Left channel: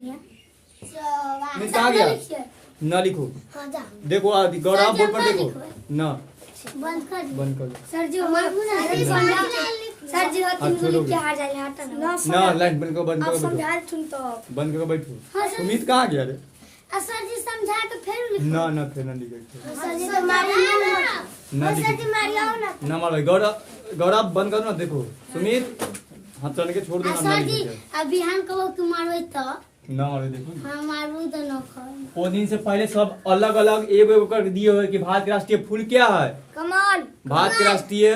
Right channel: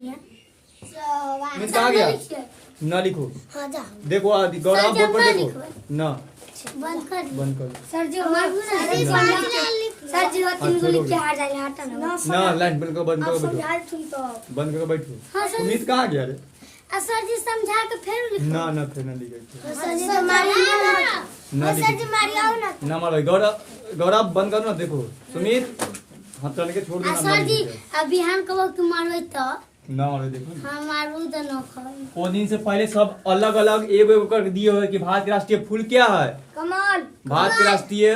कहाँ गया? ना लिखो। देखो गौरव बोर्ड पर देखो ना। बंद कर सर जी ना लाइन बंद करो बंद करो बंद करो बैठो। सुमित कहाँ गया रे? सर जी समझा के फिर ना फिर ना लिखे ना मार भाई। गौरव बंद करो ना। देखो सुमित हाथ चल के छोड़ दो ना। सर जी अभी हम कहो कि मारवे तो ना रे देखो हां मारू तो न खाओ। वो दिन से पहले सब अलग अलग एगो एगो कर दिए हुए कि भारत के राष्ट्रीय फूल क्या है? कमल। भारत के राष्ट्रीय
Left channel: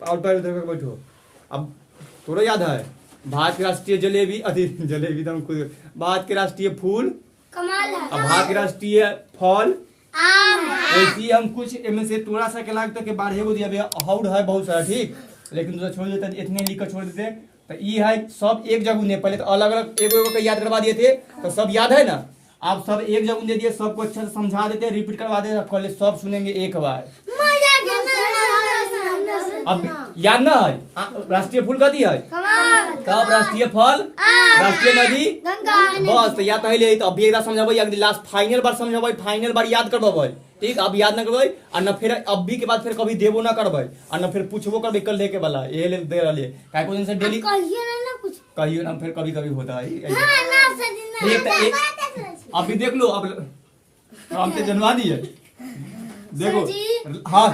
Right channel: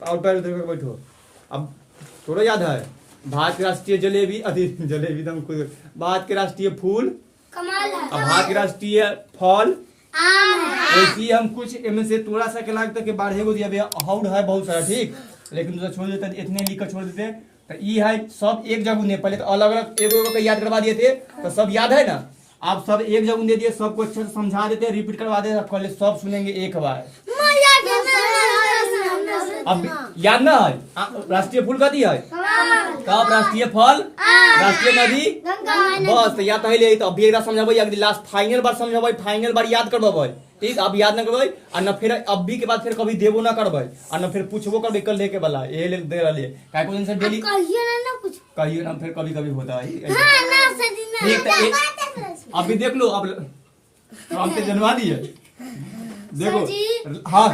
आउट देखो बैठो। अब थोड़ा याद है भारत के राष्ट्रीय जलेबी जलेबी तो भारत के राष्ट्रीय फूल कमल है। अब भारत के राष्ट्रीय फल आम है। वैसे हम कुछ इनमें से थोड़ा सा के लगता कि 12 को दिया हाउड है बहुत सारा ठीक, लेकिन दूसरा छोड़ देते इतने लिख कर छोड़ देते। तो ये है सब एक जगह ने पहले तो अलग अलग एगो एगो याद करवा दिए थे तो सब याद है ना। आप सब एक जगह दे दिए सबको अच्छे से समझा देते रिपीट करवा देते कल सब सुनेंगे एक बार। अब याद ना है राष्ट्रीय फूल कथी है? तब राष्ट्रीय फल राष्ट्रीय नदी बस तो याद है। तो अभी एक समझाबे अगली लास्ट फाइनल बार समझाबे फाइनल बार याद करवाबे ठीक। अब याद ना करबे और न फिर अभी के बाद फिर कभी देबो ना करबे और न फिर पूछबो करबे कल लेके वाला ये ले दे रहे काहे को दिन से डेली कहियो ना फिर कभी कभी होता है ठीक। अभी देख लो अब हम तो जनवा दिए देखो हाँ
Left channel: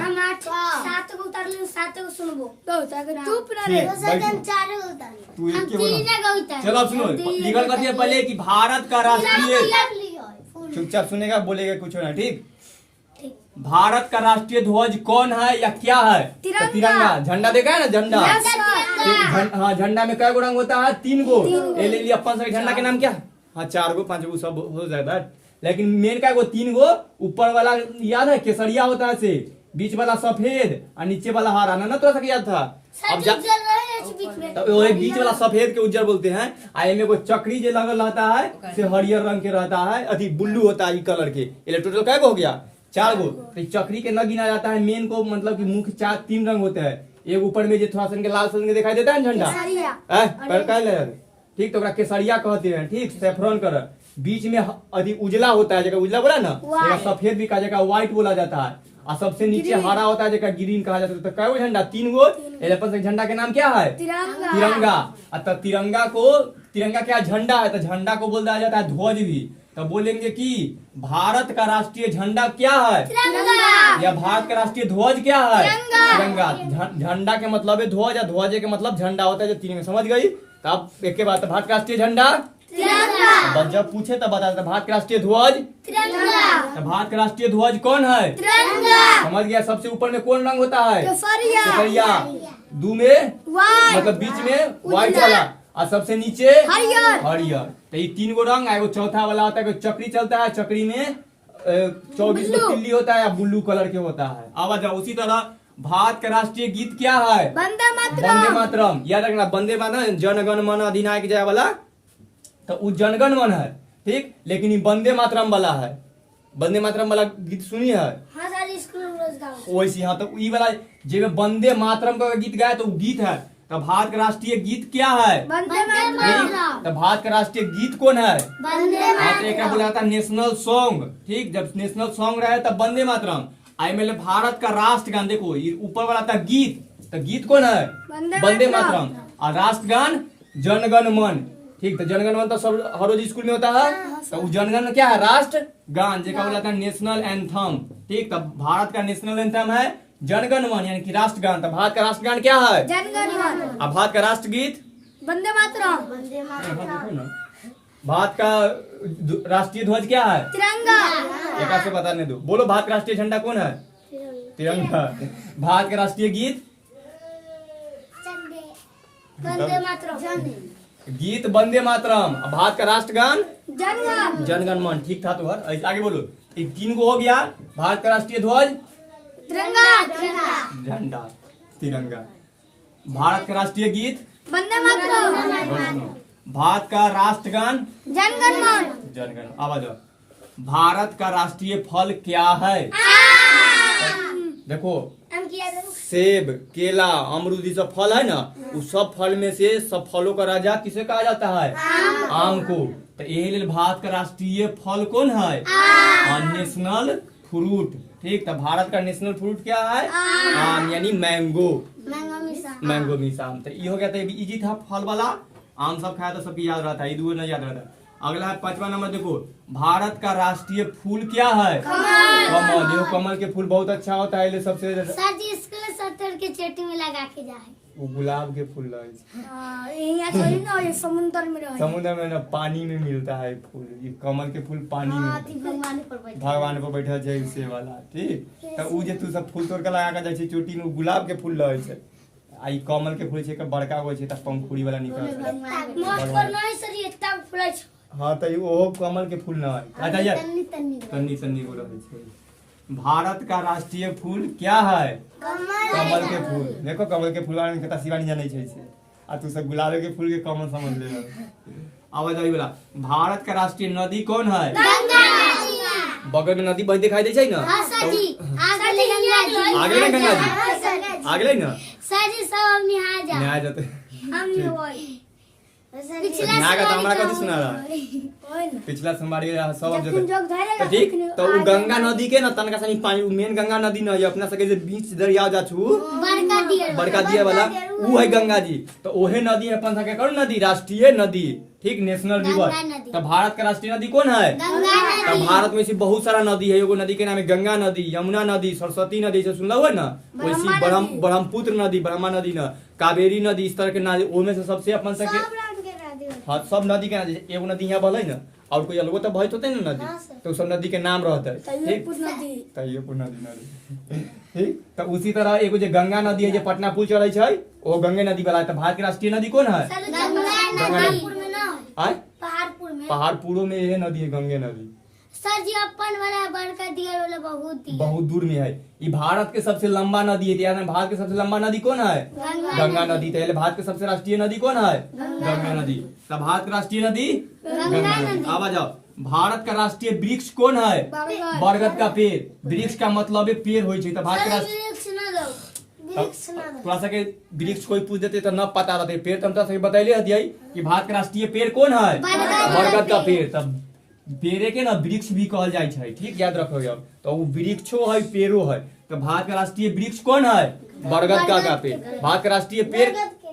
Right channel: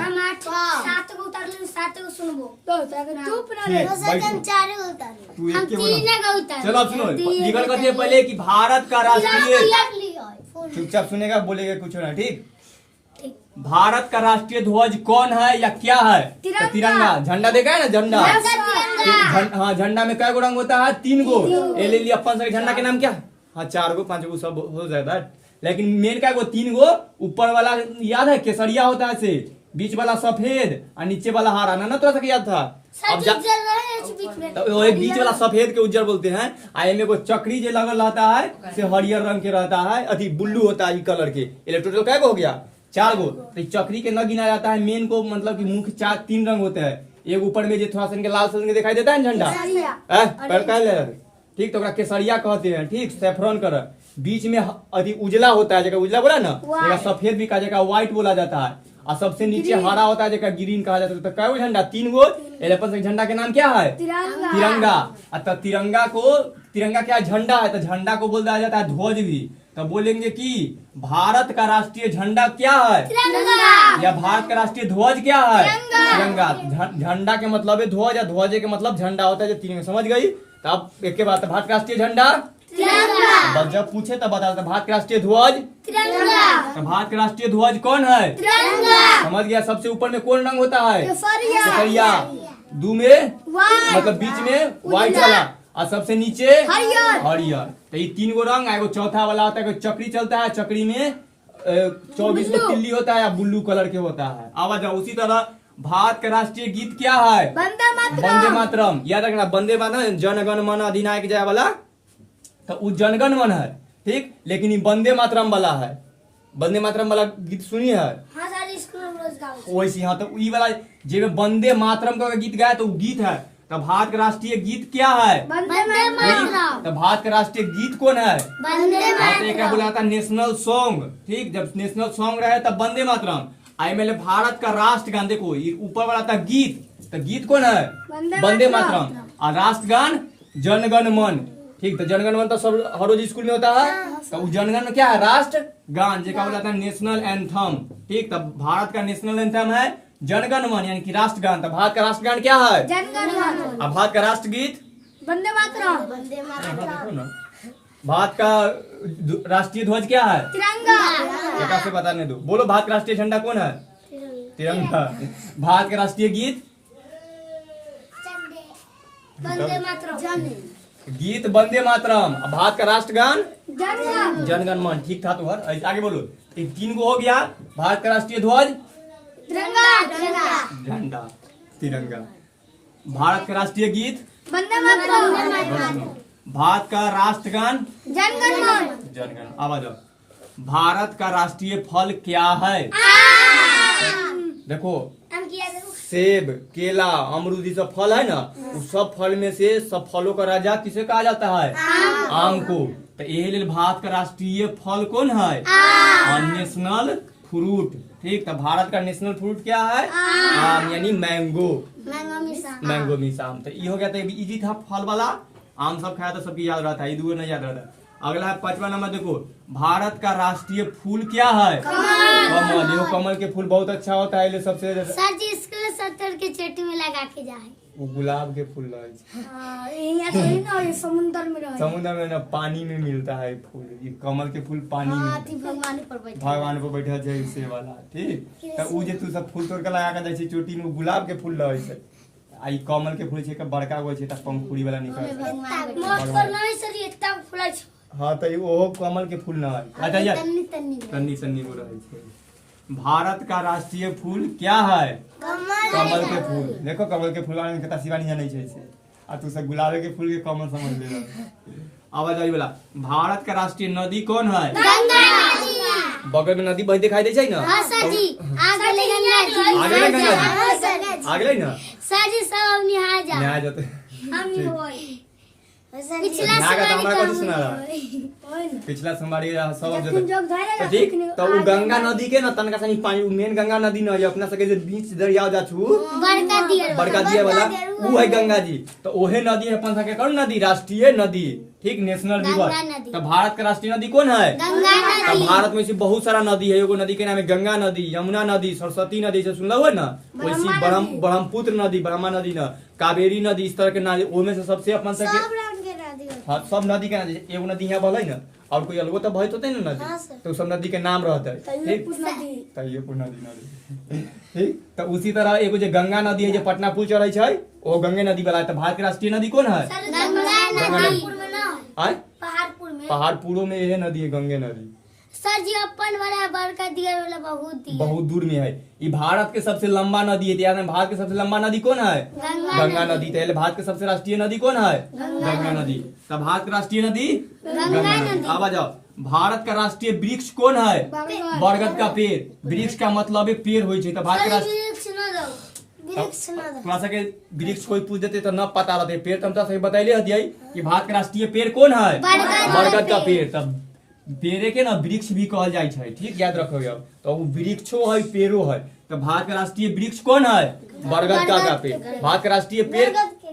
तू एक के बोला। चलो अब सुनो निकल करती है पहले कि भारत का राष्ट्रीय चुपचाप सुनेगा बोलेगा कुछ ना ठीक। भारत का राष्ट्रीय ध्वज कौन है या क्या है? तिरंगा। झंडा देखा है ना झंडा? हाँ झंडा में कै गो रंग होता है? 3 गो। ये ले लिया अपन झंडा के नाम क्या? हाँ 4 गो 5 गो सब हो जाता है लेकिन मेन क्या गो 3 गो। ऊपर वाला याद है केसरिया होता है से, बीच वाला सफेद और नीचे वाला हरा ना थोड़ा सा याद था। अब तो एक बीच वाला सफेद के उज्जर बोलते हैं। आई में को चक्री जो लगल रहता है से हरियर रंग के रहता है अति ब्लू होता है कलर के। टोटल कै गो हो गया? 4 गो। तो चक्री के न गिना जाता है मेन को मतलब कि मुख्य 3 रंग होते हैं। एक ऊपर में जो थोड़ा सा लाल सन दिखाई देता है झंडा ठीक तो केसरिया कहते हैं ठीक। सेफ्रॉन कलर बीच में अति उजला होता है जगह उजला बोला ना जगह सफेद भी कहा जगह व्हाइट बोला जाता है और सबसे नीचे हरा होता है जगह ग्रीन कहा जाता है। तो कै गो झंडा? 3 गो। झंडा के नाम क्या है? तिरंगा। तब तिरंगा क्या झंडा है तो झंडा को बोल दिया जाता है ध्वज भी। तो बोलेंगे कि भारत का राष्ट्रीय झंडा क्या है या भारत का राष्ट्रीय ध्वज क्या है? तिरंगा। झंडा के मतलब है ध्वज और ध्वज के मतलब झंडा होता है जो तिरंगा। समझ गई? तब एक के बाद भारत का राष्ट्रीय झंडा जब पूछे तब बता देते भारत का राष्ट्रीय ध्वज भारत का राष्ट्रीय ध्वज कौन है? समझ गया? सबसे ऊपर में कौन रंग होता है? केसरिया। 2 में मतलब बीच में व्हाइट वाला और सबसे नीचे हरियर। तो ये 3 गो रंग एगो चौथा वाला होता है चक्री चलता है। चक्री में 24 गो तिल्ली होता है या ब्लू कलर के होता है। आवाज उसी तरह भारत का राष्ट्रीय गीत क्या है? वंदे मातरम। याद रखना वंदे मातरम जनगण मन अधिनायक जय वाला तो वो जनगण मन है ठीक, लेकिन ये वंदे मातरम वाला है। वंदे मातरम वाला गीत सुनी है वैसे। हाँ तो ये वाला जो वंदे मातरम का गीत गाया तो गीत है। तो भारत का राष्ट्रीय गीत क्या है? तो भारत का राष्ट्रीय गीत कौन है? एक बोला जाता है नेशनल सॉन्ग ठीक। जब नेशनल सॉन्ग रहे तब वंदे मातरम। आई में भारत का राष्ट्रगान देखो ये ऊपर वाला था गीत तो गीत कौन है? वंदे मातरम। और राष्ट्रगान जनगण मन ठीक। तो जनगण मन तो सब हर रोज स्कूल में होता है। तो जनगण क्या है? राष्ट्र गान जेका बोला था नेशनल एंथम ठीक। तब भारत का नेशनल एंथम है जनगण मन यानी कि राष्ट्रगान। तो भारत का राष्ट्रगान क्या है? अब भारत का राष्ट्रगीत वंदे मातरम। भारत का राष्ट्रीय ध्वज क्या है? तिरंगा। से बताने दो। बोलो भारत का राष्ट्रीय झंडा कौन है? तिरंगा। भारत का राष्ट्रीय गीत वंदे मातरम। गीत वंदे मातरम। भारत का राष्ट्रगान जनगण मन ठीक था। तो आगे बोलो 3 गो हो गया। भारत का राष्ट्रीय ध्वज झंडा तिरंगा। भारत का राष्ट्रीय गीत वंदे मातरम। भारत का राष्ट्रगान जनगण। आवाज। भारत का राष्ट्रीय फल क्या है? देखो सेब केला अमरूद ये सब फल है ना उस सब फल में से सब फलों का राजा किसे कहा जाता है? आम को। तो यही लेल भारत का राष्ट्रीय फल कौन है? National fruit. ठीक, तो भारत का नेशनल फ्रूट क्या है? आम, यानी मैंगो। मैंगो मिसाम। तो ये हो गया, तो इजी था फल वाला। आम सब खाया तो सबकी याद रहता है, ये दो नहीं याद रहता। अगला है 5वां नंबर, देखो भारत का राष्ट्रीय फूल क्या है? कमल। ये कमल के फूल बहुत अच्छा होता है, ये सबसे ज्यादा सर जी इसको 70 के चेटी में लगा के जाए। वो गुलाब के फूल रहे समुद्र में रहे। समुद्र में ना, पानी में मिलता है फूल। ये कमल के फूल पानी में भगवान पर बैठा जाए से वाला। ठीक, तो उ जे तू सब फूल तोड़ के लगा के जाय छी चोटी में, गुलाब के फूल रहे छै। आई कमल के फूल छै के बड़का होय छै, त पंखुड़ी वाला निकल छै। मस्त पर नहीं सर ये तब फूल छै। हां, तो ओहो कमल के फूल ना है। अच्छा यार, तन्नी तन्नी वो रहे छै। भारत का राष्ट्रीय फूल क्या है? कमल के फूल। देखो कमल के फूल वाले कितना शिवानी जाने छै से, आ तू सब गुलाब के फूल के कमल समझ ले रहा। अब जाई वाला, भारत का राष्ट्रीय नदी कौन है? गंगा। बगल में नदी बह दिखाई दे छै ना? हां सर जी, आगे गंगा जी। आगे गंगा जी, आगे ना सर जी सब निहार जा। नया जाते हम ही होई। पिछला नागा तो हमरा कथि सुना रहा? पिछला सोमवारी सब अब जाते। ठीक, तो उ गंगा नदी के ना तनका सनी पानी, मेन गंगा नदी ना है अपना सके जे बीच दरिया जा छु, बड़का दिया वाला उ है गंगा जी। तो ओहे नदी है अपन सके कौन नदी? राष्ट्रीय नदी। ठीक, नेशनल रिवर। तो भारत का राष्ट्रीय नदी कौन है? तो भारत में से बहुत सारा नदी है। एगो नदी के नाम है गंगा नदी, यमुना नदी, सरस्वती नदी, से सुनला हुआ ना? वैसी ब्रह्मपुत्र नदी, ब्रह्मा नदी ना, कावेरी नदी, इस तरह के नदी। ओमे से सबसे अपन सके हाँ, सब नदी के नदी। एगो नदी यहाँ बहले ना, और कोई अलगो तो बहत होते ना नदी, तो सब नदी के नाम रहता है। ठीक, तैयबपुर नदी। ठीक, तो उसी तरह एगो जो गंगा नदी है जो पटना पुल चढ़े छै, वो गंगे नदी वाला है। तो भारत की राष्ट्रीय नदी कौन है? पहाड़पुरों में यह नदी है, गंगे नदी। सर जी अपन वाला बड़का दिया वाला बहुत दूर में है। ये भारत के सबसे लंबा नदी है। याद है, भारत के सबसे लंबा नदी कौन है? गंगा नदी। तो भारत के सबसे राष्ट्रीय नदी कौन है? गंगा नदी। तो भारत का राष्ट्रीय नदी गंगा नदी। अब आ जाओ, भारत का राष्ट्रीय वृक्ष कौन है? बरगद का पेड़। वृक्ष का मतलब है पेड़ हो। तो भारत का थोड़ा सा के वृक्ष कोई पूछ देते तो न पता रहते। पेड़ तो हम बतैले हथियाई कि भारत का राष्ट्रीय पेड़ कौन है? बरगद का पेड़। तब पेड़े के ना वृक्ष भी कहल जाय छै। ठीक, याद रखो। अब तो वो वृक्षो है, पेड़ो है। तो भारत का राष्ट्रीय वृक्ष कौन है? बरगद का पेड़। भारत का राष्ट्रीय पेड़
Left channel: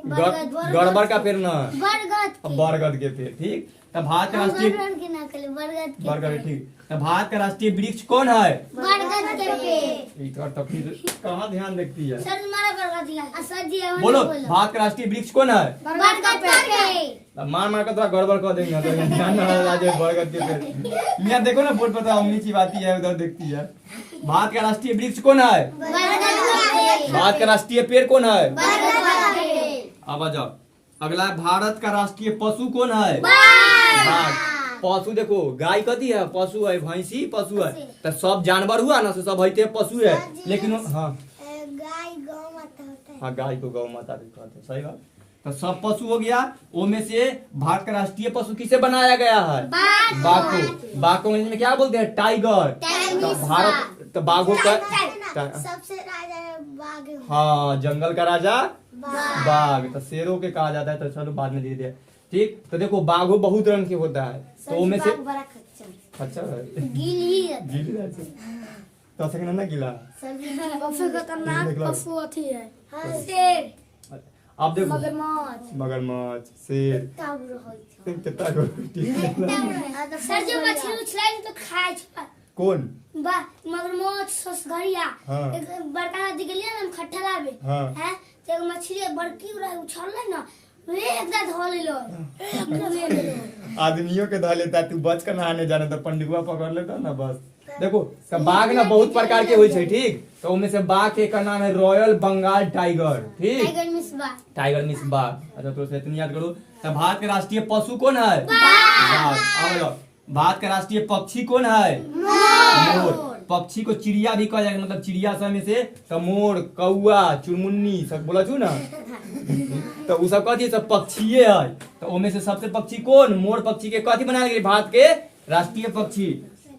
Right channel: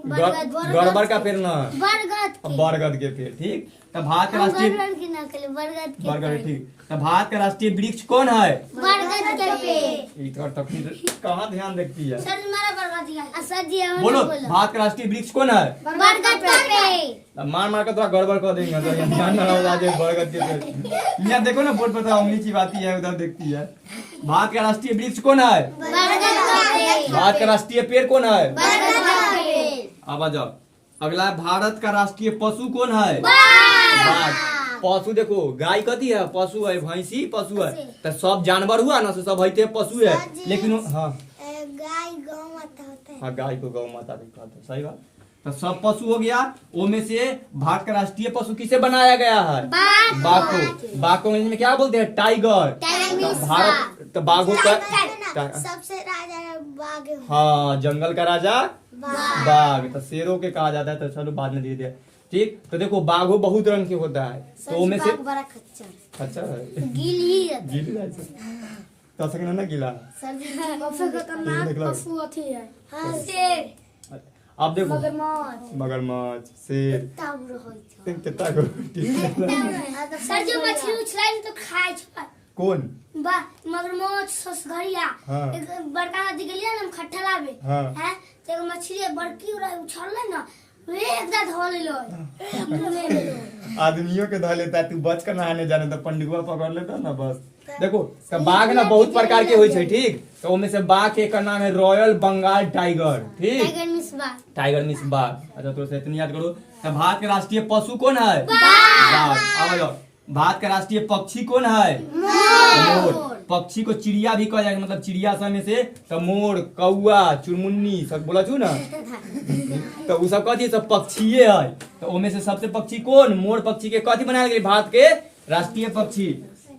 गड़बड़ का पेड़ ना, बरगद के पेड़। ठीक, तो भारत का राष्ट्रीय बरगद। ठीक, तो भारत का राष्ट्रीय वृक्ष कौन है? बरगद के पेड़। तो फिर कहाँ ध्यान रखती है? सर हमारा बरगद दिया। सर जी बोलो, भारत का राष्ट्रीय वृक्ष कौन है? बरगद का पेड़। मार कर थोड़ा गड़बड़ कर देंगे तो ध्यान न रहा जाए। बरगद के पेड़ यहाँ देखो ना, बोर्ड पर तो उंगली चिबाती है, उधर देखती है। भारत का राष्ट्रीय वृक्ष कौन है? भारत का राष्ट्रीय पेड़ कौन है? अब आ जाओ, अगला है भारत का राष्ट्रीय पशु कौन है? बाघ। पशु देखो, गाय कथी है? पशु है। भैंसी पशु है। तो सब जानवर हुआ ना, सब है पशु है। लेकिन हाँ, गाय गौ माता होता है। हाँ, गाय को गौ माता भी कहते हैं। सही बात। तो सब पशु हो गया। उनमें से भारत का राष्ट्रीय पशु किसे बनाया गया है? बाघ को। बाघ को में क्या बोलते हैं? टाइगर। तो भारत, तो बाघों का सबसे राजा बाघ। हाँ, जंगल का राजा बाघ। तो शेरों के कहा जाता है। तो चलो बाद में धीरे। ठीक, तो देखो बाघो बहुत रंग के होता है। तो उनमें से अच्छा है, गीली तो सके ना गीला। अब देखो मगरमच्छ, शेर, कितना सर जो मछली उछलाई तो खाए छै। कौन? मगरमच्छ, ससघरिया। एक बड़का नदी गेलिए ना, हम खट्टा लाबे हैं, तो एक मछली बड़की उछलले ना, एकदम धो लेलो। आदमियों के धो लेता, तू बच कर नहाने जाने तो पंडितवा पकड़ लेता ना बस। देखो, तो बाघ ना बहुत प्रकार के होय छै। ठीक, तो उनमें से बाघ के का नाम है रॉयल बंगाल टाइगर। ठीक, टाइगर मिस बाघ। अच्छा, तो इतनी याद करो। तो भारत के राष्ट्रीय पशु कौन है? बाघ। अब भारत का राष्ट्रीय पक्षी कौन है? मोर। पक्षी को चिड़िया भी कहा जाएगा, मतलब चिड़िया सब में से तो मोर, कौआ, चुनमुन्नी सब बोला छू ना। तो वो सब कथी सब पक्षीये है। तो उनमें से सबसे पक्षी कौन? मोर पक्षी के कथी बनाया गया? भारत के राष्ट्रीय पक्षी।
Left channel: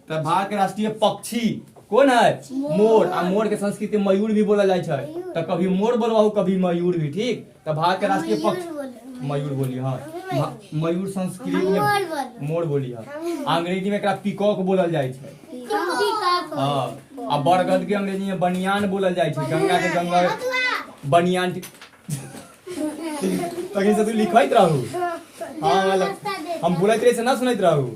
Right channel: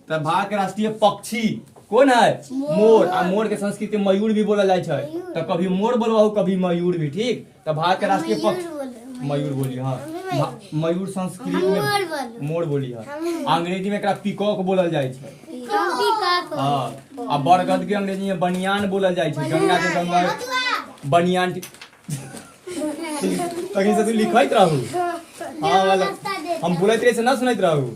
तो भारत के राष्ट्रीय पक्षी कौन है? मोर। आ मोर के संस्कृत में मयूर भी बोला जाए छै। तो कभी मोर बोलवाऊ, कभी मयूर भी। ठीक, तो भारत के राष्ट्रीय पक्षी मयूर बोलिए। हाँ, मयूर संस्कृत में मोर बोली है, अंग्रेजी में एकरा पीकॉक बोलल जाइ छै। हाँ, आ बरगद के अंग्रेजी में बनियान बोलल जाइ छै। गंगा के गंगा बनियान तखन से तू लिखैत रहू। हाँ वाला हम बोलैत रहे से ना सुनैत रहू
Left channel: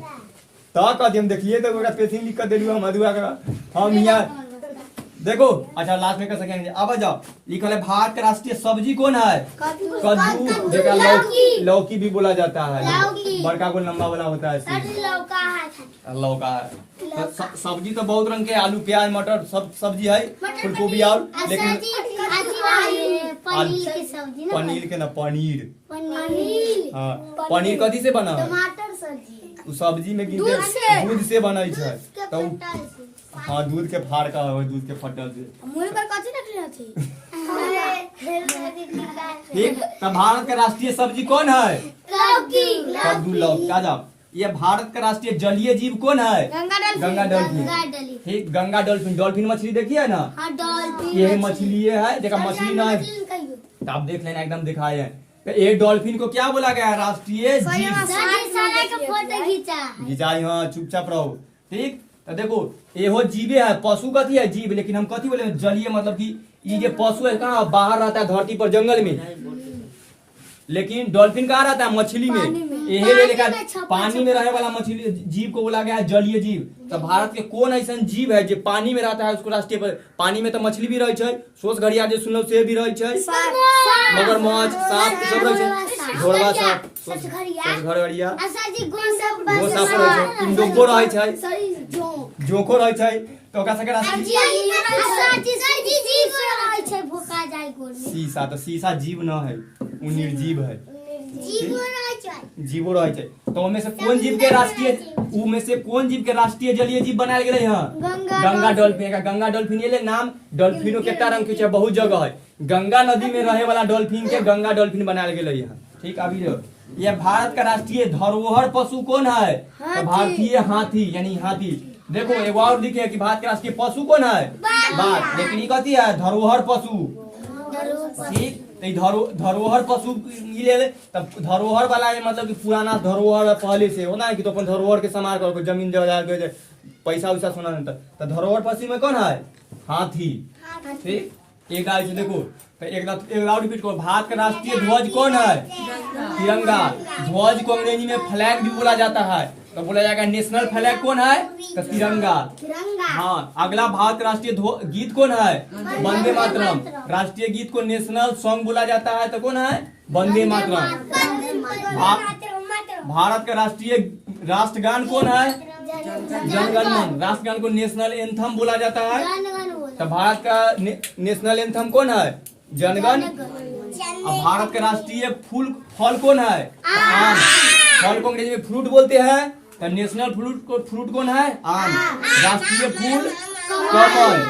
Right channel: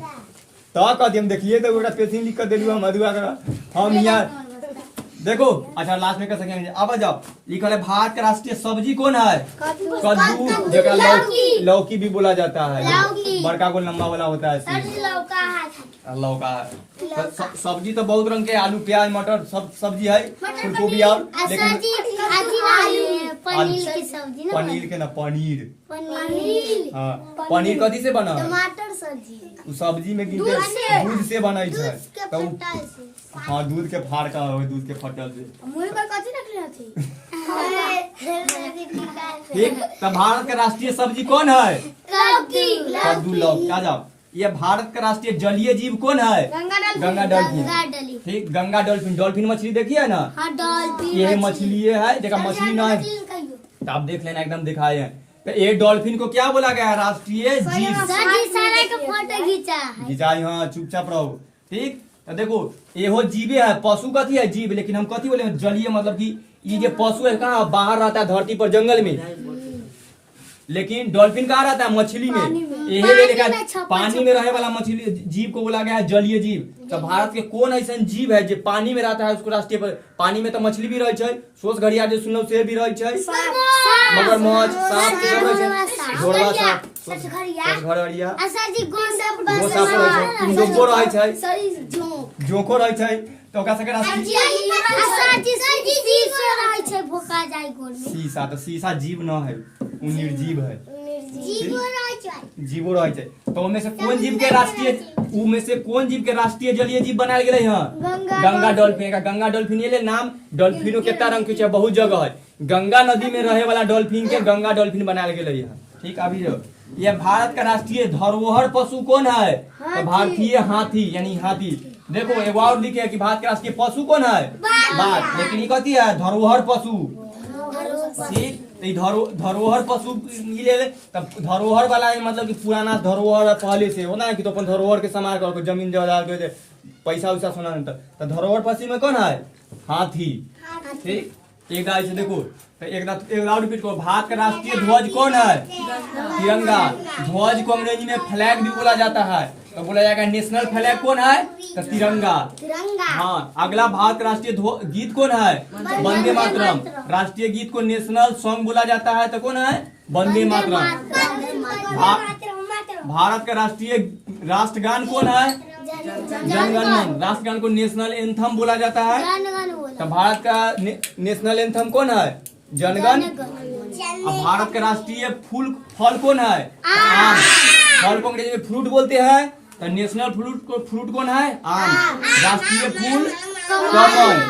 तो कथी हम देखिए तो ओकरा पेथिन लिख कर देलू हम अधुआ का हम यहाँ देखो। अच्छा लास्ट में कर सकेंगे। अब जाओ लिखल है भारत का राष्ट्रीय सब्जी कौन है? कद्दू, जेकरा लौकी भी बोला जाता है। बड़का गोल लंबा वाला होता है लौका है। तो सब्जी तो बहुत रंग के, आलू प्याज मटर सब सब्जी है, फूल गोभी और लेकिन पनीर के ना पनीर। हाँ पनीर कथी से बना? टमाटर सब्जी। सब्जी में दूध से बना है तो हाँ दूध के फाड़ का हो, दूध के फटल से। मुंह पर कथी रखले थी? ठीक, तो भारत का राष्ट्रीय सब्जी कौन है? लौकी। कद्दू लौकी। आ जाओ, ये भारत का राष्ट्रीय जलीय जीव कौन है? गंगा डॉल्फिन। ठीक, गंगा डॉल्फिन। डॉल्फिन मछली देखी है ना? ये मछली है, देखा मछली ना है तो आप देख लेना, एकदम दिखाए है। तो ये डॉल्फिन को क्या बोला गया है? राष्ट्रीय जीव। घिचाई, हाँ चुपचाप रहो। ठीक, तो देखो एहो जीवे है, पशु कथी है? जीव। लेकिन हम कथी बोले? जलीय, मतलब कि ये जो पशु है कहाँ बाहर रहता है? धरती पर, जंगल में। लेकिन डॉल्फिन कहाँ रहता है? मछली में। यही लेकर पानी में रहे वाला मछली जीव को बोला गया है जलीय जीव। तो भारत के कौन ऐसा जीव है जो पानी में रहता है उसको राष्ट्रीय पर? पानी में तो मछली भी रहे, सोच घड़िया जो सुनल से भी रहे, मगरमच्छ, सांप सब रहे, घोड़वा सांप, घड़िया, इंडोको रहे, जोको रहे। तो ओकरा सबके शीशा, तो शीशा जीव न है, उ निर्जीव है। जीवो रहे। तो उनमें से कौन जीव के राष्ट्रीय जलीय जीव बनायल गेले हैं? गंगा डॉल्फिन। गंगा डॉल्फिन ये नाम डॉल्फिनो कितना रंग के बहुत जगह है। गंगा नदी में रहे वाला डॉल्फिन के गंगा डॉल्फिन बनायल गेले हैं। ठीक, अभी जो ये भारत का राष्ट्रीय धरोहर पशु कौन है? तो भारतीय हाथी, यानी हाथी। देखो एक और लिखे है कि भारत का राष्ट्रीय पशु कौन है? बाघ। लेकिन ये कथी है? धरोहर पशु। ठीक, धरोहर पशु ले तब धरोहर वाला है, मतलब कि पुराना धरोहर पहले से होना है कि तो अपन धरोहर के समार कर जमीन जायदाद के पैसा वैसा सोना तो धरोहर पशु में कौन है? हाथी। ठीक, एक गाय से देखो तो एक और रिपीट करो। भारत का राष्ट्रीय ध्वज कौन है? तिरंगा। ध्वज को अंग्रेजी में फ्लैग भी बोला जाता है, तो बोला जाएगा नेशनल फ्लैग कौन है? तो तिरंगा। हाँ, अगला भारत का राष्ट्रीय गीत कौन है? वंदे मातरम। राष्ट्रीय गीत को नेशनल सॉन्ग बोला जाता है, तो कौन है? वंदे मातरम। भारत का राष्ट्रीय राष्ट्रगान कौन है? जनगण मन। राष्ट्रगान को नेशनल एंथम बोला जाता है, तो भारत का नेशनल एंथम कौन है? जनगण। अब भारत का राष्ट्रीय फल कौन है? आम। फल को अंग्रेजी में फ्रूट बोलते हैं, तो नेशनल फ्रूट कौन है? आम। राष्ट्रीय फूल कमल।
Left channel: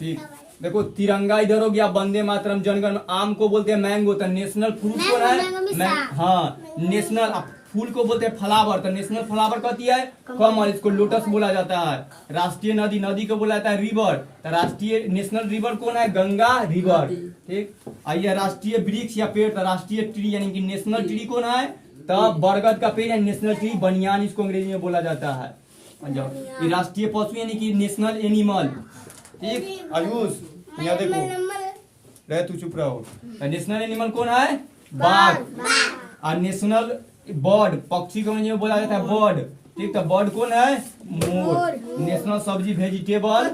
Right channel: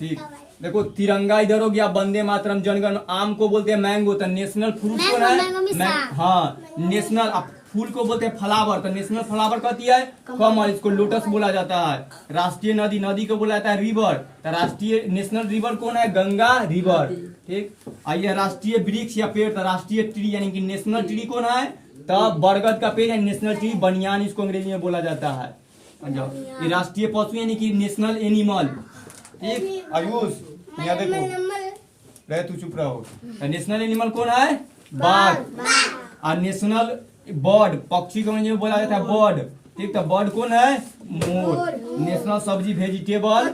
ठीक, देखो तिरंगा इधर हो गया, वंदे मातरम, जनगण। आम को बोलते हैं मैंगो, तो नेशनल फ्रूट कौन है? हाँ, नेशनल फूल को बोलते हैं फ्लावर, तो नेशनल फ्लावर कहती है कमल, इसको लोटस बोला जाता है। राष्ट्रीय नदी को बोला जाता है रिवर, तो राष्ट्रीय नेशनल रिवर कौन है? गंगा रिवर। ठीक, आइए राष्ट्रीय वृक्ष या पेड़, तो राष्ट्रीय ट्री यानी कि नेशनल ट्री कौन है? तो बरगद का पेड़ है नेशनल ट्री, बनियान इसको अंग्रेजी में बोला जाता है। ये राष्ट्रीय पशु यानी कि नेशनल एनिमल। ठीक, आयुष यहाँ देखो, रहे तू चुप रहो। नेशनल एनिमल कौन है? बाघ। और नेशनल बर्ड, पक्षी को अंग्रेजी में बोला जाता है बर्ड। ठीक, तो बर्ड कौन है? मोर। नेशनल सब्जी वेजिटेबल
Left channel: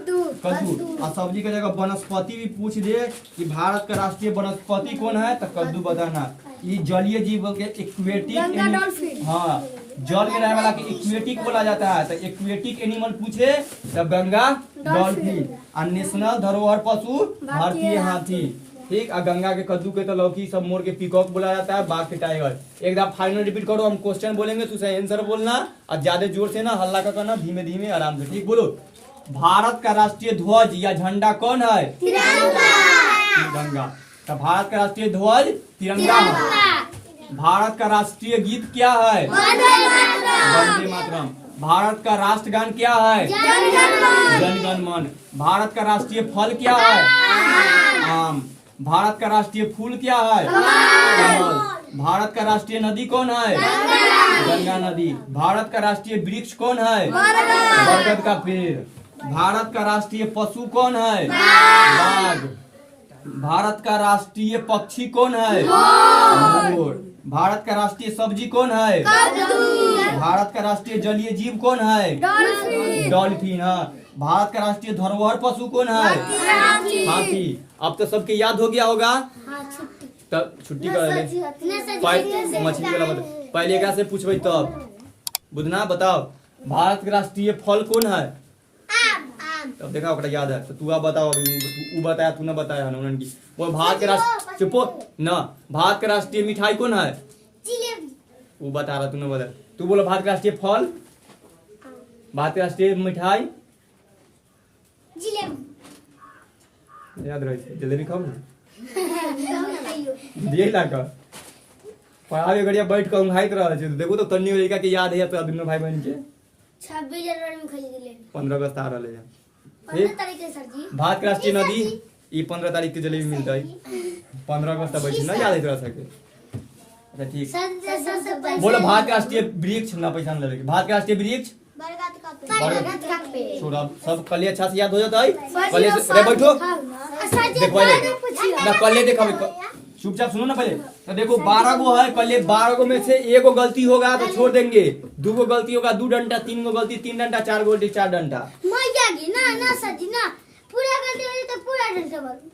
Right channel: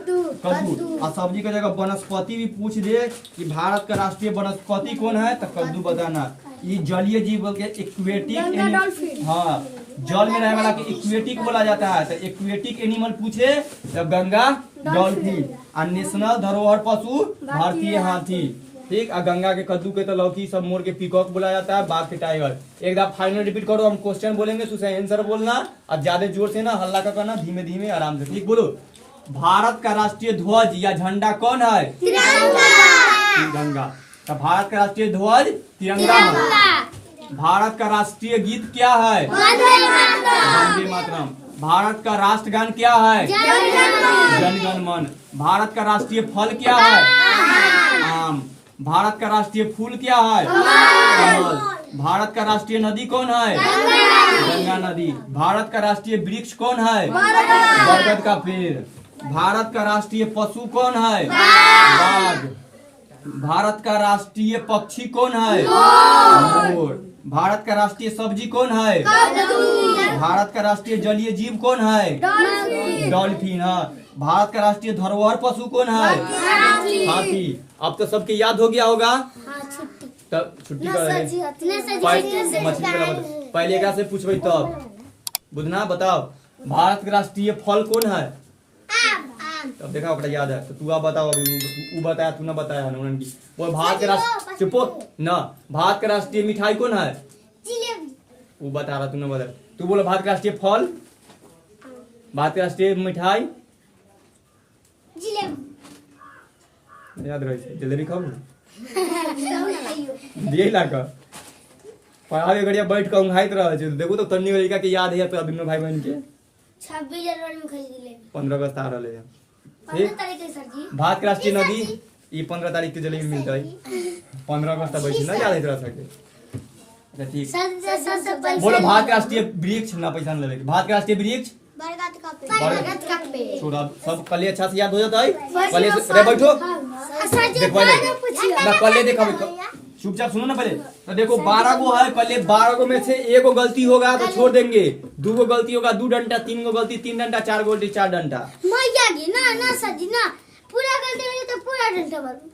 कद्दू। और सब्जी का जगह वनस्पति भी पूछ दे कि भारत का राष्ट्रीय वनस्पति कौन है, तो कद्दू बताना। ये जलीय जीव बोल के एक्वेटिक, हाँ जल में रहने वाला के एक्वेटिक बोला जाता है, तो एक्वेटिक एनिमल पूछे तो गंगा डॉल्फिन। और नेशनल धरोहर पशु भारतीय हाथी। ठीक, और गंगा के कद्दू के तो लौकी, सब मोर के पीकॉक बोला जाता है, बाघ के टाइगर। एक बार फाइनल रिपीट करो, हम क्वेश्चन बोलेंगे तो उसे आंसर बोलना, और ज्यादा जोर से ना हल्ला का करना, धीमे धीमे आराम से। ठीक, बोलो। भारत का राष्ट्रीय ध्वज या झंडा कौन है? तिरंगा। तो भारत का राष्ट्रीय ध्वज तिरंगा है। भारत का राष्ट्रीय गीत क्या है? वंदे मातरम। भारत का राष्ट्रगान क्या है? जनगण मन। भारत का राष्ट्रीय फल क्या है? आम। भारत का राष्ट्रीय फूल क्या है? कमल। भारत का राष्ट्रीय नदी कौन है? गंगा नदी। भारत का राष्ट्रीय वृक्ष कौन है? बरगद का पेड़। भारत का राष्ट्रीय पशु कौन है? बाघ। भारत का राष्ट्रीय पक्षी कौन है? मोर। भारत का राष्ट्रीय सब्जी कौन है? भारत का राष्ट्रीय जलीय जीव कौन है? डॉल्फिन। भारत का राष्ट्रीय धरोहर पशु कौन है? हाथी। अब तो सबके याद हो गया होगा, तब छुट्टी कर मछली वाला बता। पहले एकरा से पूछबे तब बुझना। बताओ भारत का राष्ट्रीय फल कौन है? तब देखा ओकरा याद है तो तू अब बताओ। अभी उ बताया, तू न बताया है की। वो भारत के राष्ट्र चुपो न। भारत का राष्ट्रीय मिठाई कौन है? वो बता रहा, तू न बता। तू बोलो भारत का राष्ट्रीय फल, भारत का राष्ट्रीय मिठाई याद रहे। जलेबी खाओ दिए लाकर पढ़ावे गड़िया बैठ कर उंघाइत रह। देखो तो तन्नी लड़का के याद है तो दोनों भाई बहन के 26 जनवरी में खरीद ले 15 अगस्त आ रहे हैं। 15 तारीख के सर जी। भारत के राष्ट्रीय नदी ये 15 तारीख के जलेबी मिलता है। 15 अगस्त बैठी ना याद रह सके। अच्छा ठीक। बोलो भारत के राष्ट्रीय वृक्ष ना पैसा न लगे। भारत के राष्ट्रीय वृक्ष बरगद का पेड़। छोड़ा सब कल अच्छा से याद हो जाता है। कल रे बैठो देखो ना कल देखा चुपचाप सुनो ना पहले। तो देखो 12 गो है, कल 12 गो में से एगो गलती होगा तो छोड़ देंगे। 2 गो गलती होगा 2 डंडा, 3 गो गलती 3 डंडा, 4 गो गलती 4 डंडा। मैं क्या ना सर जी ना पूरा गलती हो तो पूरा डंडा मारूं।